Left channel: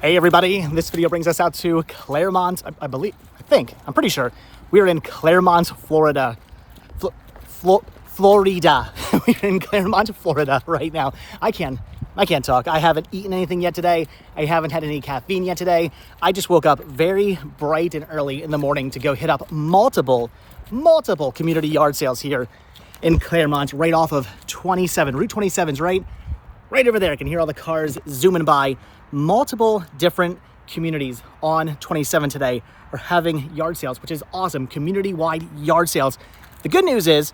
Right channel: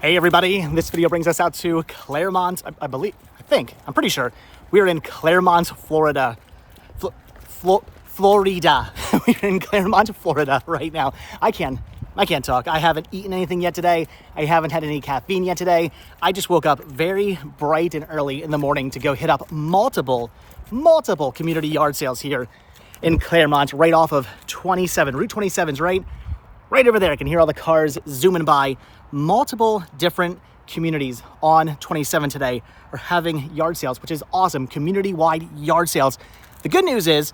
Hey everybody, this video brings us out to Clermont, I'm pretty sure. We are in Clermont, Florida. Florida. We're in Clermont, Florida right now. I can't talk. I haven't eaten anything yet today. I haven't had any caffeine yet today. I just woke up very bright and early in the morning to go hit up multiple community yard sales here in Clermont, right off of 27. Route 27's right over there. I can hear all the cars zooming by. Multiple different communities on 27 today are having yard sales, which is awesome. Community-wide yard sales. The good news is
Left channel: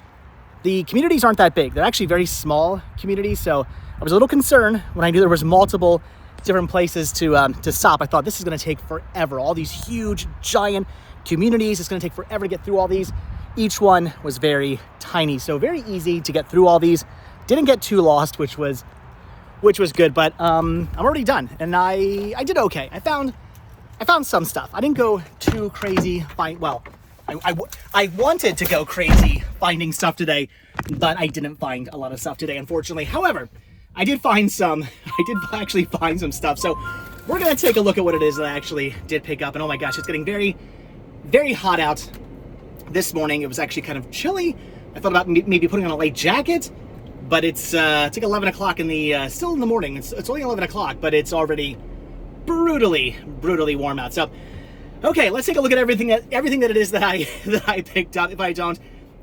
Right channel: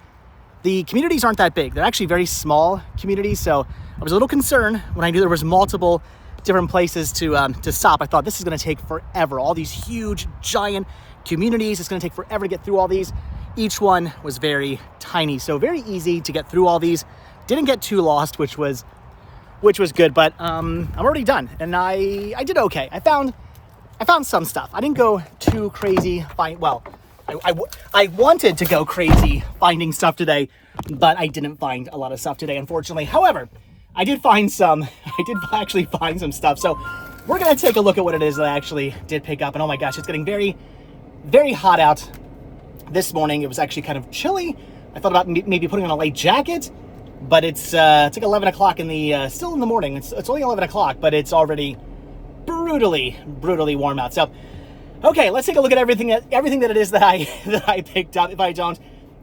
the communities aren't that big. They're actually very small communities, so I was a little concerned when I knew there was multiple different places to stop. I thought this is going to take forever. All these huge, giant communities. It's going to take forever to get through all these. Each one was very tiny, so very easy to get through all these. Didn't get too lost, which was good, but I'm already done, and I did okay. I found some stuff. I didn't go too crazy. I wanted to go crazy finding stuff today, but I didn't find a lot of stuff today, unfortunately. However, I did actually find some stuff. So we're gonna take a look at what it is that I actually did pick up. And oh my gosh, it's getting very, very hot out this morning. It was actually kind of chilly. I thought about maybe putting on a light jacket, but it's like 11 o'clock still in the morning. It's only 11 o'clock, but it's already brutally warm out. So, okay, let's take a look at everything that it is that I picked up. If I don't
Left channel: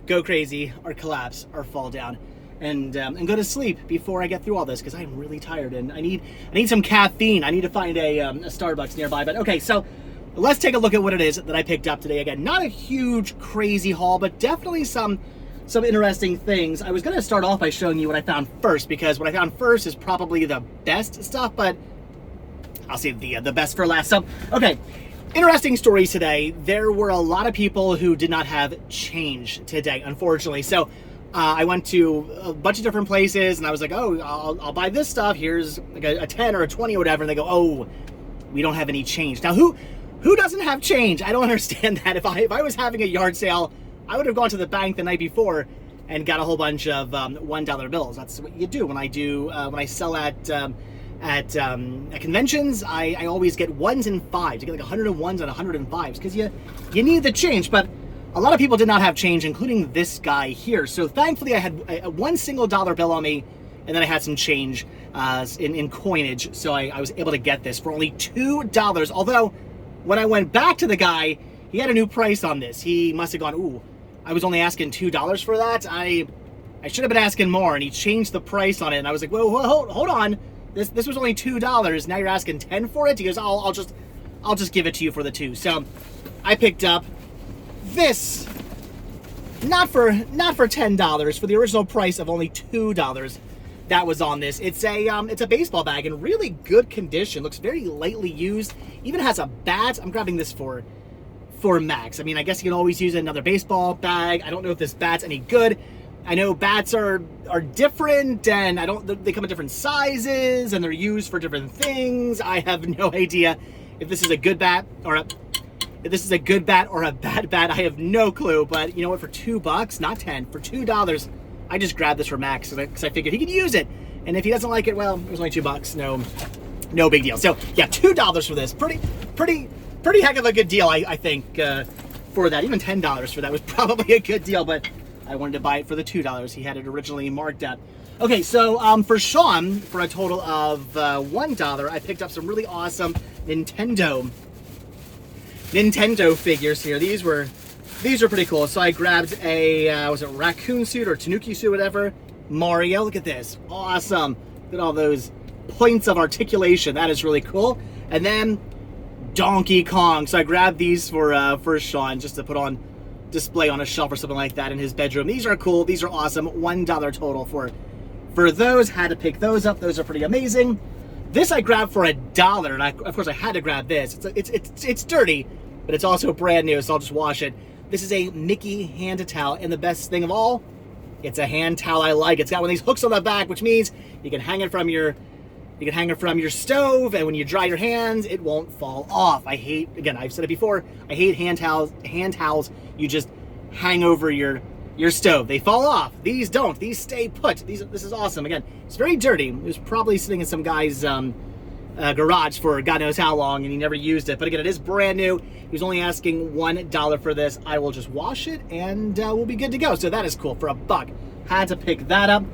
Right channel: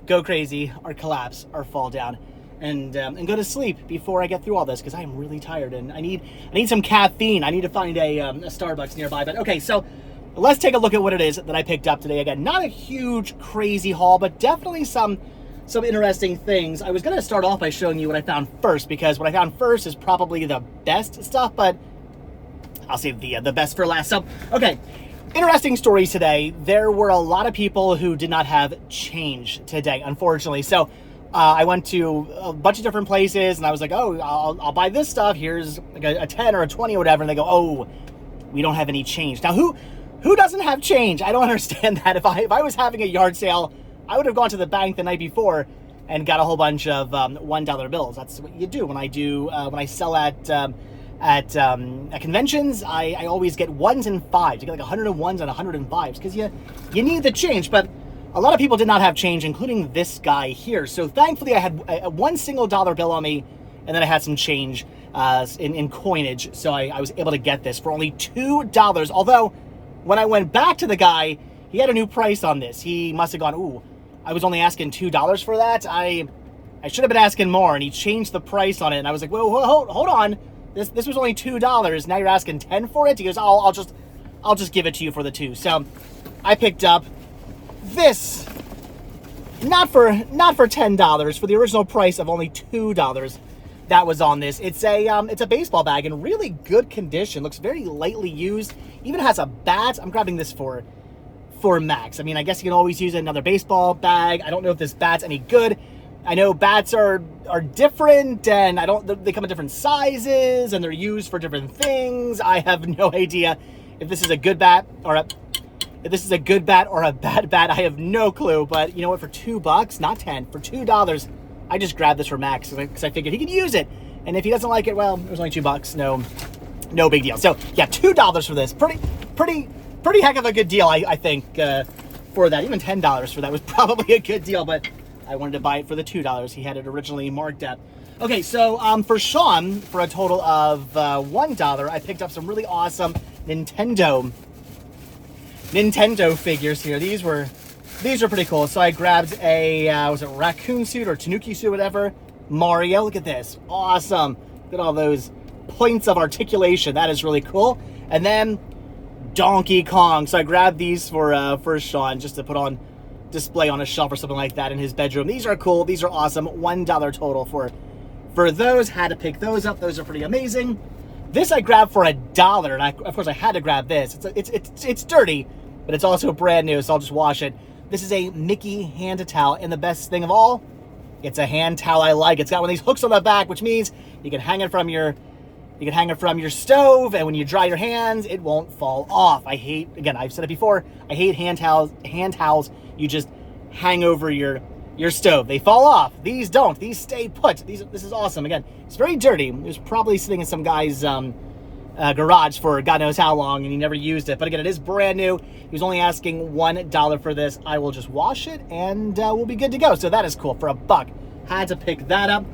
go crazy or collapse or fall down and go to sleep before I get through all this, because I am really tired and I need some caffeine. I need to find a Starbucks nearby. But okay, so let's take a look at what it is that I picked up today. Again, not a huge crazy haul, but definitely some interesting things. I was going to start off by showing you what I found first, because what I found first is probably the best stuff, but I'll save the best for last. So, okay, interesting stories today. There were a lot of people who did not have change today, unfortunately. So I went to a bunch of different places, and I was like, oh, I'll buy this stuff. Here's like a 10 or a 20 or whatever. And they go, oh, we don't have any change. Now, who doesn't have change? I don't understand that. If I was having a yard sale, I would have gone to the bank the night before and got a whole bunch of $1 bills. That's what you do when I sell at conventions. I always get ones and fives. You get like 100 ones and 105s because you need the change. But a lot of people did not have change, including this guy here. So thankfully, I had one single dollar bill on me, and then I had some change in coinage. So I was able to get this for only $2. Although when I went back to the guy, he had a new price on this. He must have gone, ooh, I was only asking $2 for that. I should have been asking more, and he changed the price on it. And I was like, whoa, hold on. This was only $2. Now you're asking 10 for it? He goes, oh, I'll just give it to you for the 2. So I picked up this, not for $10, for the original price of only $2 that was on this. It's a baseball bag in really good condition. Looks very lightly used. Even has a bat. I'm grabbing this for Max. I mean, I guess you can always use another baseball bag. I don't know if this bat's any good. I know bats are different, and they come in different sizes, and they're used for different things. I have no idea if this is a good bat or a bad bat. I have no clue. But you know what? For $2, not 10, for $2, I just grabbed this for Max because I figured he could use it. And if he doesn't like it, well, it was only $2. No big deal. So yeah, $2 for this. Pretty heck of a good deal, I think, for that. Even $10 for that was probably a good deal, but I wanted to buy it for the $2 he had it originally marked at. Okay, so for Sean, for a total of $1, I picked up some really awesome Nintendo figures here. These were pretty cool. So I grabbed a was it raccoon suit or tanuki suit, whatever. Mario, look at this, awesome. Look at all those points of articulation. That is really cool. And then Donkey Kong. So I grabbed these for Sean just to put on display on a shelf or something like that in his bedroom. These are cool. These are awesome. $1 total for those. Had to pick those up. Those are pretty amazing. This I grabbed for $1, and of course I had to grab this. It's dirty, but it's also brand new, so I'll just wash it. This is a Mickey hand towel, and the best thing of all, it's a hand towel I like. It's got one of these hooks on the back, which means you can hang it from your You can hang it from your stove, and when you dry your hands, it won't fall off. I hate, again, I've said it before, I hate hand towels you just hang over your stove. They fall off. These don't. These stay put. This is awesome. Again, it's very dirty. It was probably sitting in some guy's garage for God knows how long, and he never used it. But again, it is brand new. He was only asking $1 for this. I will just wash it, and we'll be good to go. So that is cool for $1. Had to pick that up.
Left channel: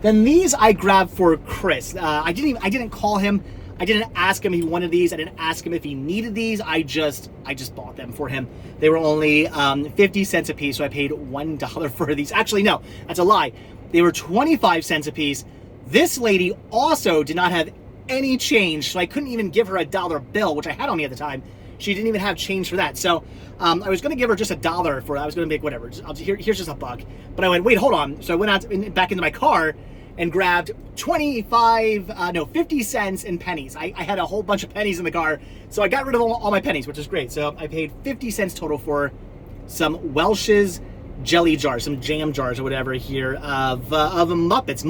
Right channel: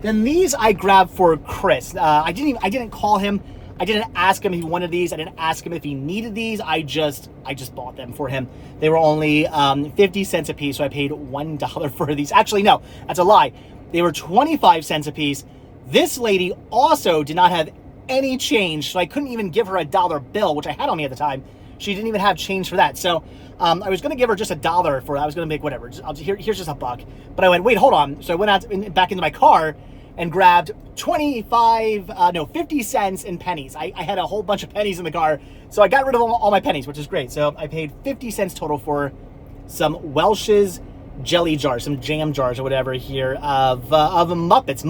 Then these I grabbed for Chris. I didn't call him. I didn't ask him if he wanted these. I didn't ask him if he needed these. I just bought them for him. They were only 50 cents a piece, so I paid $1 for these. Actually, no, that's a lie. They were 25 cents a piece. This lady also did not have any change, so I couldn't even give her a dollar bill, which I had on me at the time. She didn't even have change for that. So I was going to give her just $1 for it. I was going to make whatever. Here's just $1. But I went, wait, hold on. So I went out back into my car and grabbed 50 cents in pennies. I had a whole bunch of pennies in the car, so I got rid of all my pennies, which is great. So I paid 50 cents total for some Welch's jelly jars, some jam jars or whatever here of Muppets.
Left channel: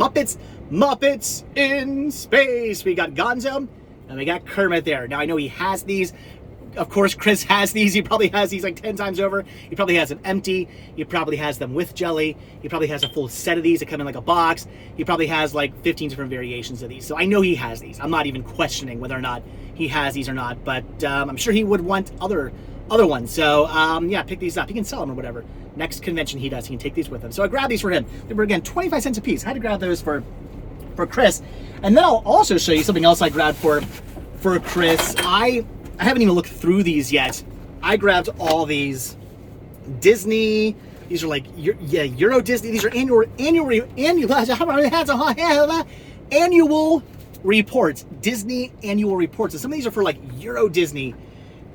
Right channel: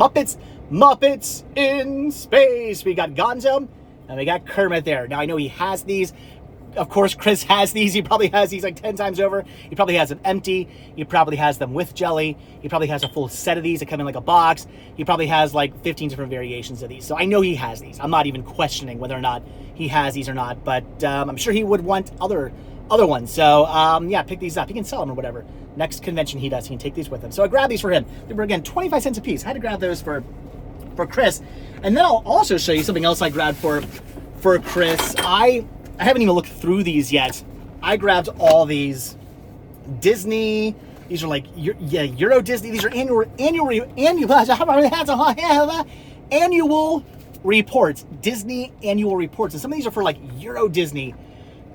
Muppets in space. We got Gonzo and we got Kermit there. Now I know he has these. Of course, Chris has these. He probably has these like 10 times over. He probably has them empty. He probably has them with jelly. He probably has a full set of these that come in like a box. He probably has like 15 different variations of these. So I know he has these. I'm not even questioning whether or not he has these or not, but I'm sure he would want other ones. So yeah, pick these up. He can sell them or whatever. Next convention he does, he can take these with him. So I grabbed these for him. They were, again, 25 cents a piece. I had to grab those for Chris. And then I'll also show you something else I grabbed for Chris. I haven't even looked through these yet. I grabbed all these Disney. These are like Euro Disney. These are annual reports. Disney annual reports. And some of these are for like Euro Disney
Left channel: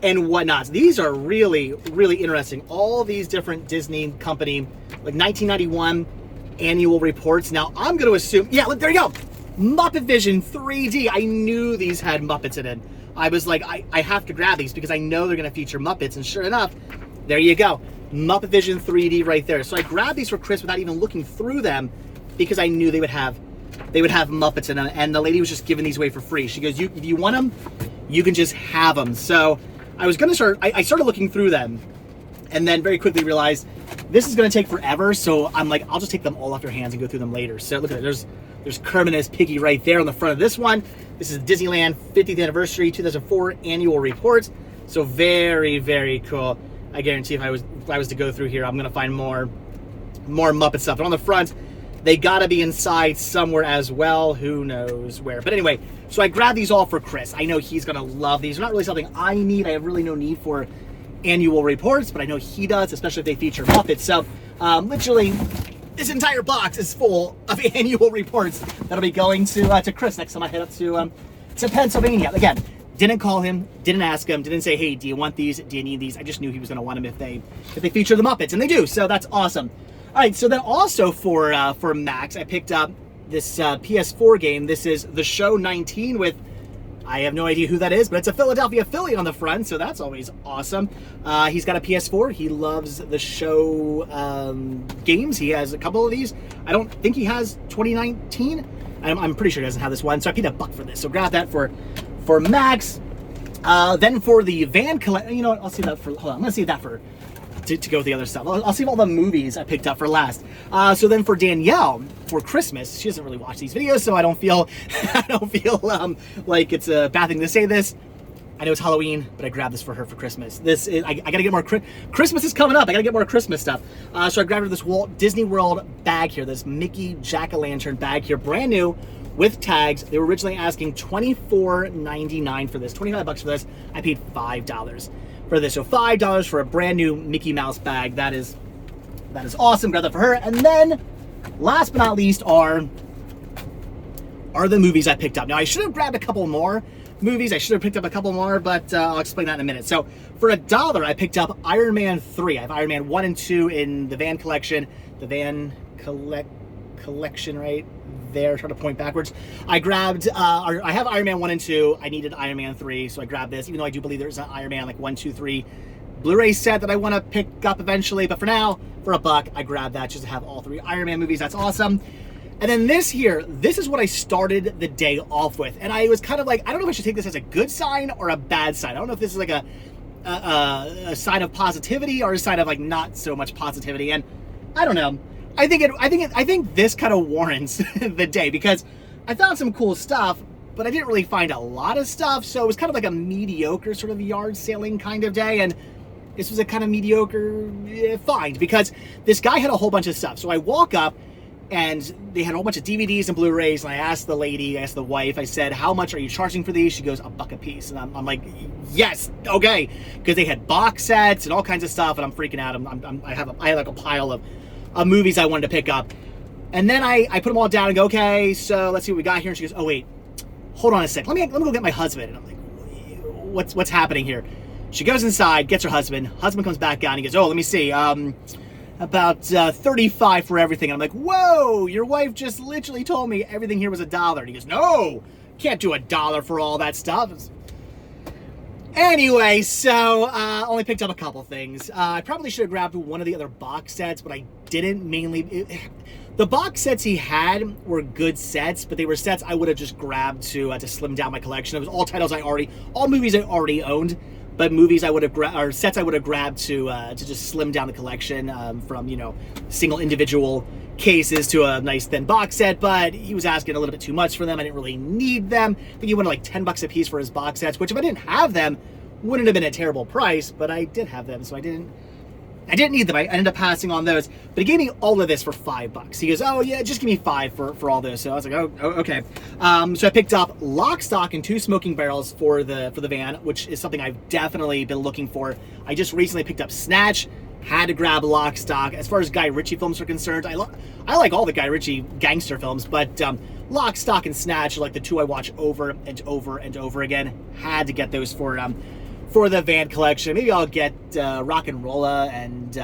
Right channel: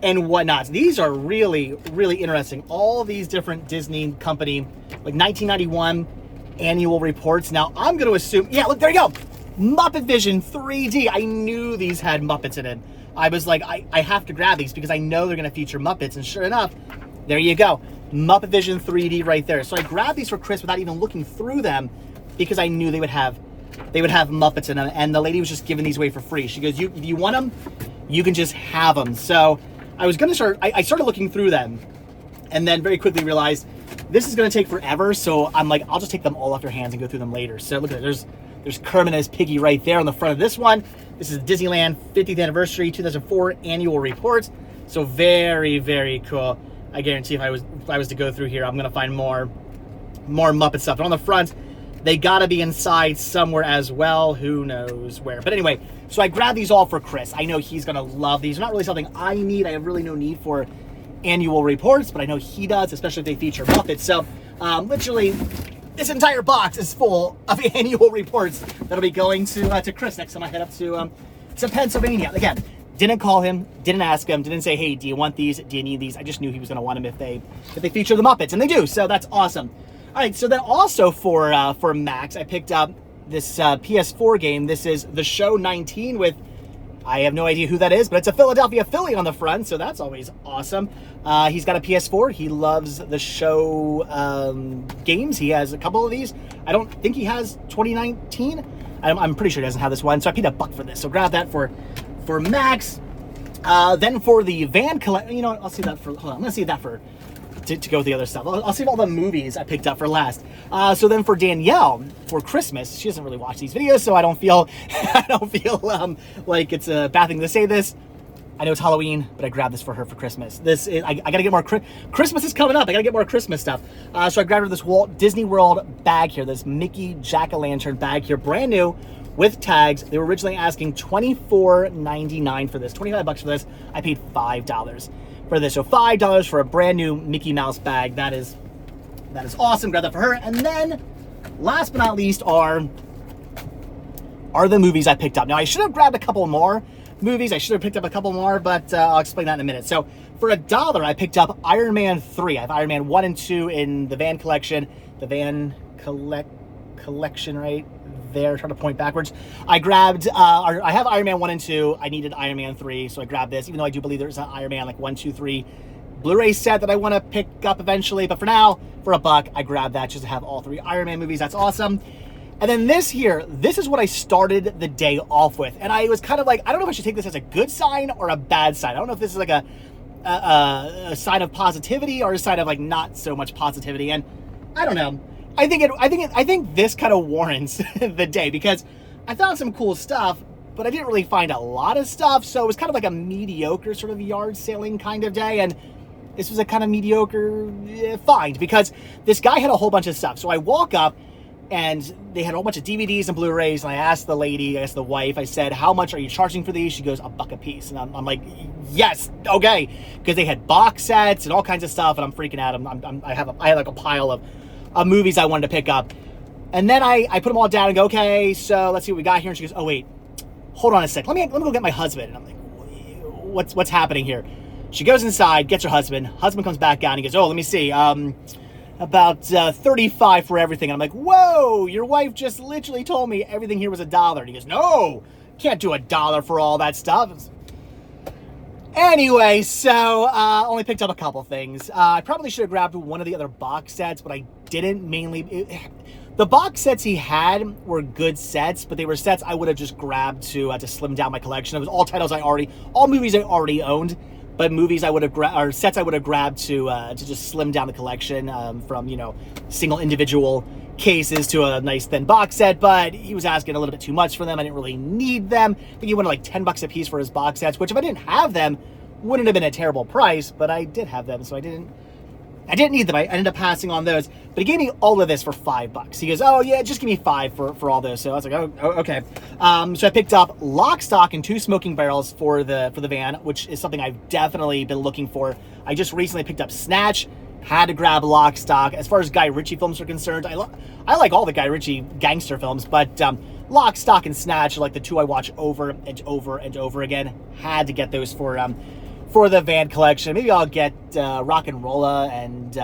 and whatnot. These are really, really interesting. All these different Disney company, like 1991 annual reports. Now I'm going to assume, yeah, look, there you go. Muppet Vision 3D. I knew these had Muppets in it. I was like, I have to grab these because I know they're going to feature Muppets. And sure enough, there you go. Muppet Vision 3D right there. So I grabbed these for Chris without even looking through them because I knew they would have Muppets in them. And the lady was just giving these away for free. She goes, if you want them, you can just have them. So I was going to I started looking through them and then very quickly realized this is going to take forever. So I'm like, I'll just take them all off your hands and go through them later. So look at it. There's Kermit and his piggy right there on the front of this one. This is Disneyland 50th anniversary 2004 annual report. So very, very cool. I guarantee if I was to go through here, I'm gonna find more Muppet stuff. But on the front, they gotta be inside somewhere as well. Who knows where? But anyway, so I grabbed these all for Chris. I know he's gonna love these. They're not really something I need. I have really no need for annual reports, but I know he does, especially if they feature Muppets. So literally, this entire box is full of annual reports that'll be going to Chris next time I head up to Pennsylvania. Again, didn't call him, didn't ask him, didn't say, hey, do you want these? Do you need these? I just knew he was going to want them if they feature the Muppets, and they do. So that's awesome. All right, so then also for Max, I picked up this PS4 game. This is The Show 19 with, I have no idea who that is, but it's a Philadelphia Philly on the front, so that's always awesome. He's got a PS4. He loves The Show games. He has a couple of these. I don't think he has 2019. I'm pretty sure he doesn't have this one, so I paid $1 for this. So grab that for Max. Then for the van collect, you know what? I'll see that for. Hold on, I'm gonna see that for to go with the other stuff. I'll save all the movies I picked up for last. So then for Danielle for Christmas, she doesn't really watch these videos, so I don't feel like it's a bad thing to say this. I know it's Halloween, but I grabbed this for her for Christmas. This is I gotta get more. Christmas is coming up. I gotta get more Christmas stuff. So I grabbed her this Walt Disney World bag here, this Mickey Jack-o'-lantern bag here, brand new with tags. They were originally asking $24.99 for this, $25 for this. I paid $5 for this, so $5 for a brand new Mickey Mouse bag. That is awesome. Grab that for her. And then, last but not least, are the movies I picked up. Now I should have grabbed a couple more movies. I should have picked up a couple more, but I'll explain that in a minute. So for $1, I picked up Iron Man 3. I have Iron Man 1 and 2 in the Van collection. The Van collection right there. Trying to point backwards. I grabbed, I have Iron Man 1 and 2. I needed Iron Man 3, so I grabbed this, even though I do believe there's an Iron Man like 1, 2, 3 Blu-ray set that I want to pick up eventually. But for now, for $1, I grabbed that just to have all 3 Iron Man movies. That's awesome. And then this is what I started the day off with. And I was kind of like, I don't know if I should take this as a good sign or a bad sign. I don't know if this is like a sign of positivity or a sign of like not so much positivity. And I don't know. I think this kind of warrants the day, because I found some cool stuff, but I didn't really find a lot of stuff. So it was kind of like a mediocre sort of yard sailing kind of day. And this was a kind of mediocre find, because this guy had a whole bunch of stuff. So I walk up, and they had a whole bunch of DVDs and Blu-rays, and I asked the wife, I said, how much are you charging for these? She goes, $1 a piece. And I'm like, yes, okay. Because they had box sets and all kinds of stuff, and I'm freaking out. I had like a pile of movies I wanted to pick up. And then I put them all down and go, okay, so let's see what we got here. And she goes, oh wait, hold on a sec. Let me go get my husband. And I'm like, what's happening here? She goes inside, gets her husband. Husband comes back out and he goes, oh, let me see. About 35 for everything. And I'm like, whoa, your wife just literally told me everything here was $1. And he goes, no, can't do $1 for all that stuff. Anyway, so only picked up a couple things. I probably should have grabbed one of the other box sets, but I didn't. The box sets he had were good sets, but they were sets I would have just grabbed to slim down my collection. It was all movies I already owned. But movies I would have or sets I would have grabbed to just slim down the collection from single individual cases to a nice thin box set. But he was asking a little bit too much for them. I didn't really need them. I think he wanted like $10 a piece for his box sets, which if I didn't have them, wouldn't have been a terrible price. But I did have them, so I didn't need them. I ended up passing on those. But he gave me all of this for $5. He goes, oh yeah, just give me $5 for all those. So I was like, oh okay. So I picked up lock, stock, and 2 smoking barrels for the van, which is something I've definitely been looking for. I just recently picked up Snatch, had to grab lock, stock. As far as Guy Ritchie films are concerned, I like all the Guy Ritchie gangster films, but lock, stock, and Snatch are like the 2 I watch over and over and over again. Had to get those for the van collection. Maybe I'll get Rock and Rolla and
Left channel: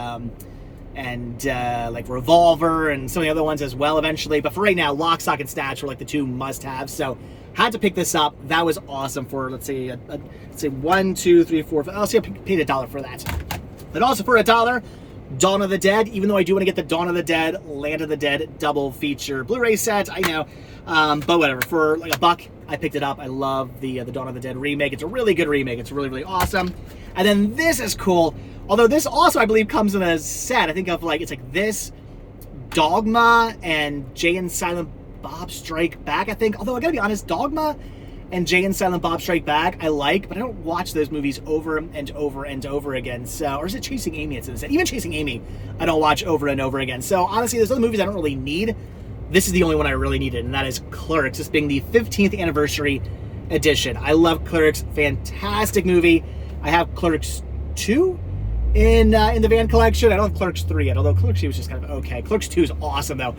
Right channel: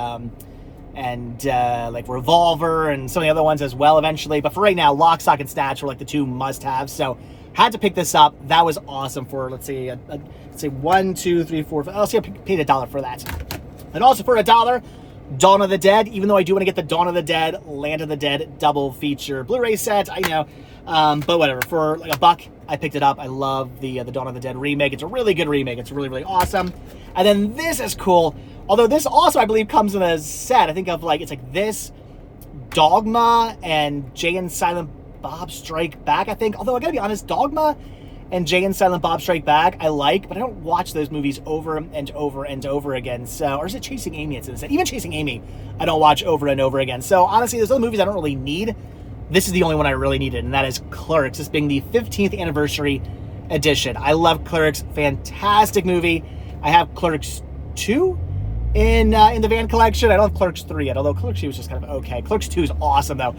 like Revolver and some of the other ones as well eventually. But for right now, Lock, Stock, and Snatch were like the 2 must-haves. So had to pick this up. That was awesome for, let's say 1, 2, 3, 4, 5. I'll say I paid $1 for that. But also for $1, Dawn of the Dead. Even though I do want to get the Dawn of the Dead, Land of the Dead double feature Blu-ray set, I know. But whatever, for like $1, I picked it up. I love the Dawn of the Dead remake. It's a really good remake. It's really, really awesome. And then this is cool. Although this also, I believe, comes in a set. I think of it's like this, Dogma, and Jay and Silent Bob Strike Back, I think. Although I gotta be honest, Dogma and Jay and Silent Bob Strike Back, I like, but I don't watch those movies over and over and over again. So, or is it Chasing Amy? It's in a set. Even Chasing Amy, I don't watch over and over again. So honestly, there's other movies I don't really need. This is the only one I really needed, and that is Clerks. This being the 15th anniversary edition. I love Clerks. Fantastic movie. I have Clerks 2 in the van collection. I don't have Clerks 3 yet, although Clerks 2 was just kind of okay. Clerks 2 is awesome though.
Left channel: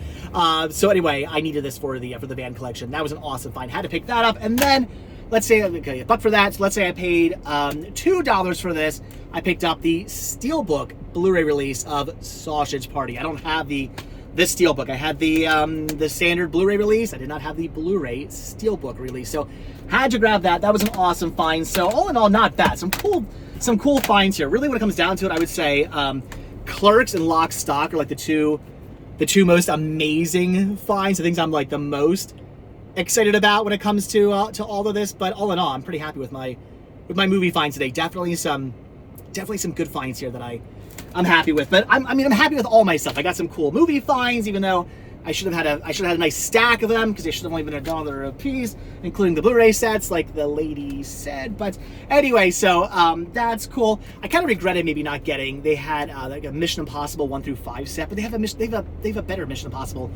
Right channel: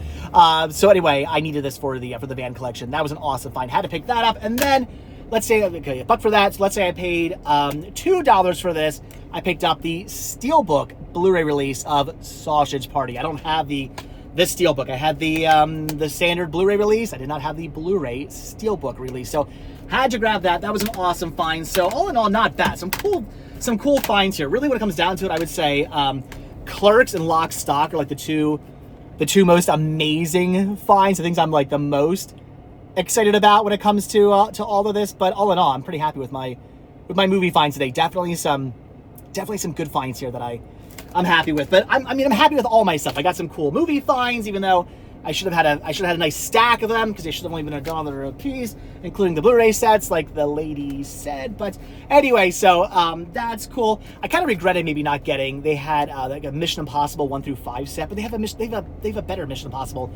So anyway, I needed this for the van collection. That was an awesome find. Had to pick that up, and then let's say okay, $1 for that. So let's say I paid $2 for this. I picked up the Steelbook Blu-ray release of Sausage Party. I don't have this Steelbook. I had the standard Blu-ray release. I did not have the Blu-ray Steelbook release. So had to grab that. That was an awesome find. So all in all, not bad. Some cool finds here. Really, when it comes down to it, I would say Clerks and Lock, Stock are like the two most amazing finds. The things I'm like the most excited about when it comes to all of this. But all in all, I'm pretty happy with my movie finds today. Definitely some good finds here that I'm happy with. But I'm happy with all my stuff. I got some cool movie finds, even though I should have had a nice stack of them, because they should have only been $1 a piece, including the Blu-ray sets, like the lady said. But anyway, so that's cool. I kind of regretted maybe not getting. They had like a Mission Impossible 1 through 5 set, but they have a better Mission Impossible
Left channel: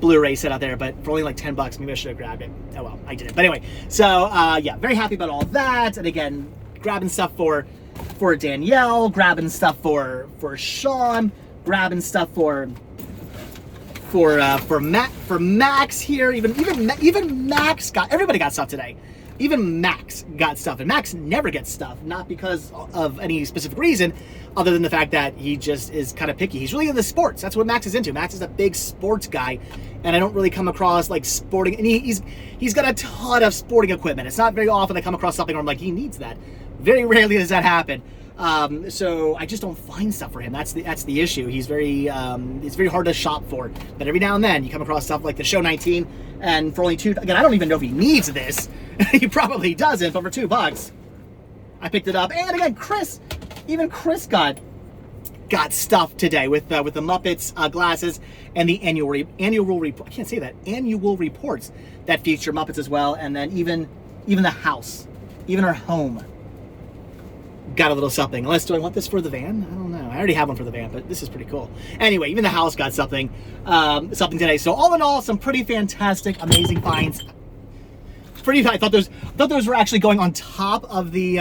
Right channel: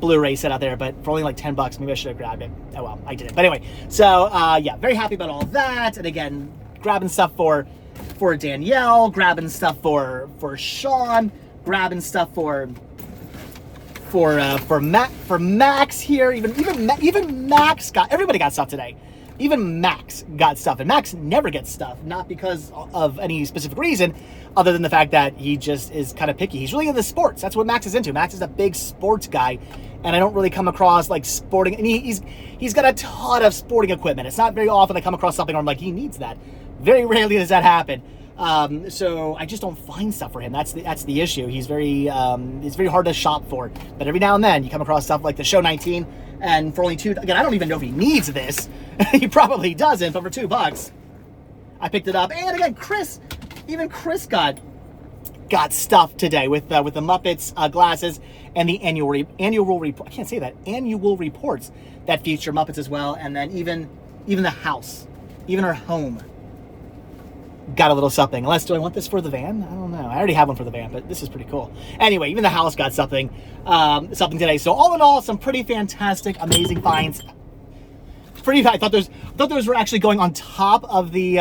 Blu-ray set out there. But for only like $10, maybe I should have grabbed it. Oh well, I didn't. But anyway, so yeah, very happy about all that. And again, grabbing stuff for Danielle, grabbing stuff for Sean, grabbing stuff for Max here. Even Max everybody got stuff today. Even Max got stuff, and Max never gets stuff, not because of any specific reason, other than the fact that he just is kind of picky. He's really into sports. That's what Max is into. Max is a big sports guy, and I don't really come across like sporting. And he's got a ton of sporting equipment. It's not very often I come across something where I'm like, he needs that. Very rarely does that happen. So I just don't find stuff for him. That's the issue. He's it's very hard to shop for. But every now and then you come across stuff like the Show 19, and for only again, I don't even know if he needs this. He probably doesn't, but for $2, I picked it up. And again, Chris got stuff today with the Muppets glasses and the annual report. I can't say that, annual reports that feature Muppets as well. And then even the house, even our home got a little something. Unless, do I want this for the van? I don't know. I already have one for the van, but this is pretty cool. Anyway, even the house got something today. So all in all, some pretty fantastic, amazing finds. I thought those were actually going on top of the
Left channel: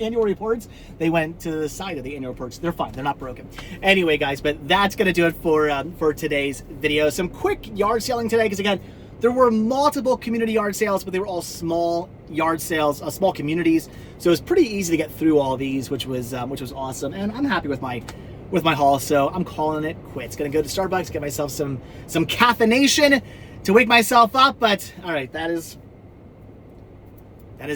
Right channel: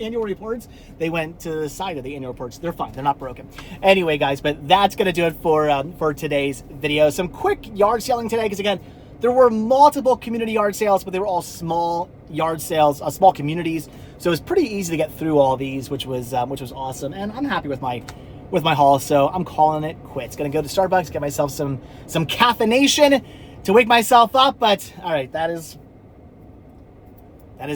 annual reports. They went to the side of the annual reports. They're fine. They're not broken. Anyway, guys, but that's gonna do it for today's video. Some quick yard selling today, because again, there were multiple community yard sales, but they were all small yard sales, small communities. So it was pretty easy to get through all these, which was awesome. And I'm happy with my haul. So I'm calling it quits. Gonna go to Starbucks, get myself some caffeination to wake myself up, but all right, that is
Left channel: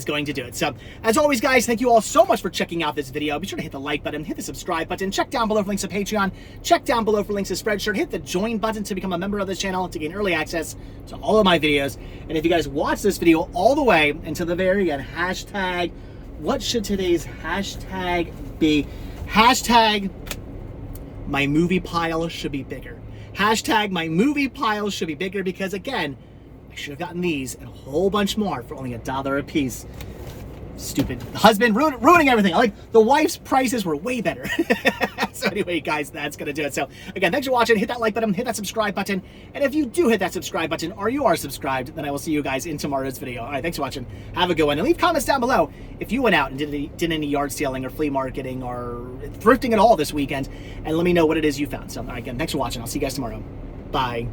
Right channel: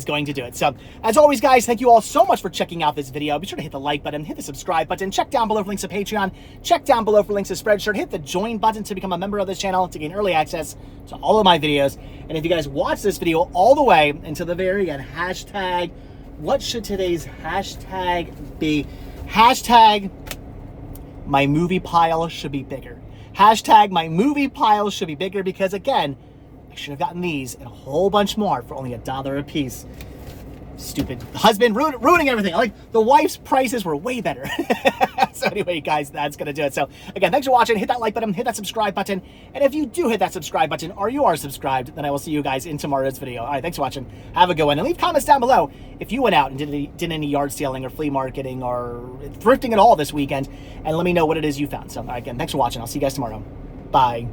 going to do it. So as always, guys, thank you all so much for checking out this video. Be sure to hit the like button, hit the subscribe button, check down below for links to Patreon, check down below for links to Spreadshirt, hit the join button to become a member of this channel to gain early access to all of my videos. And if you guys watch this video all the way until the very end, hashtag, what should today's hashtag be? Hashtag, my movie pile should be bigger. Hashtag, my movie pile should be bigger, because again, I should have gotten these and a whole bunch more for only $1 a piece. Stupid husband ruining everything. Like, the wife's prices were way better. So anyway, guys, that's gonna do it. So again, thanks for watching. Hit that like button, hit that subscribe button. And if you do hit that subscribe button, or you are subscribed, then I will see you guys in tomorrow's video. All right, thanks for watching. Have a good one. And leave comments down below if you went out and did any yard selling or flea marketing or thrifting at all this weekend, and let me know what it is you found. So again, thanks for watching. I'll see you guys tomorrow. Bye.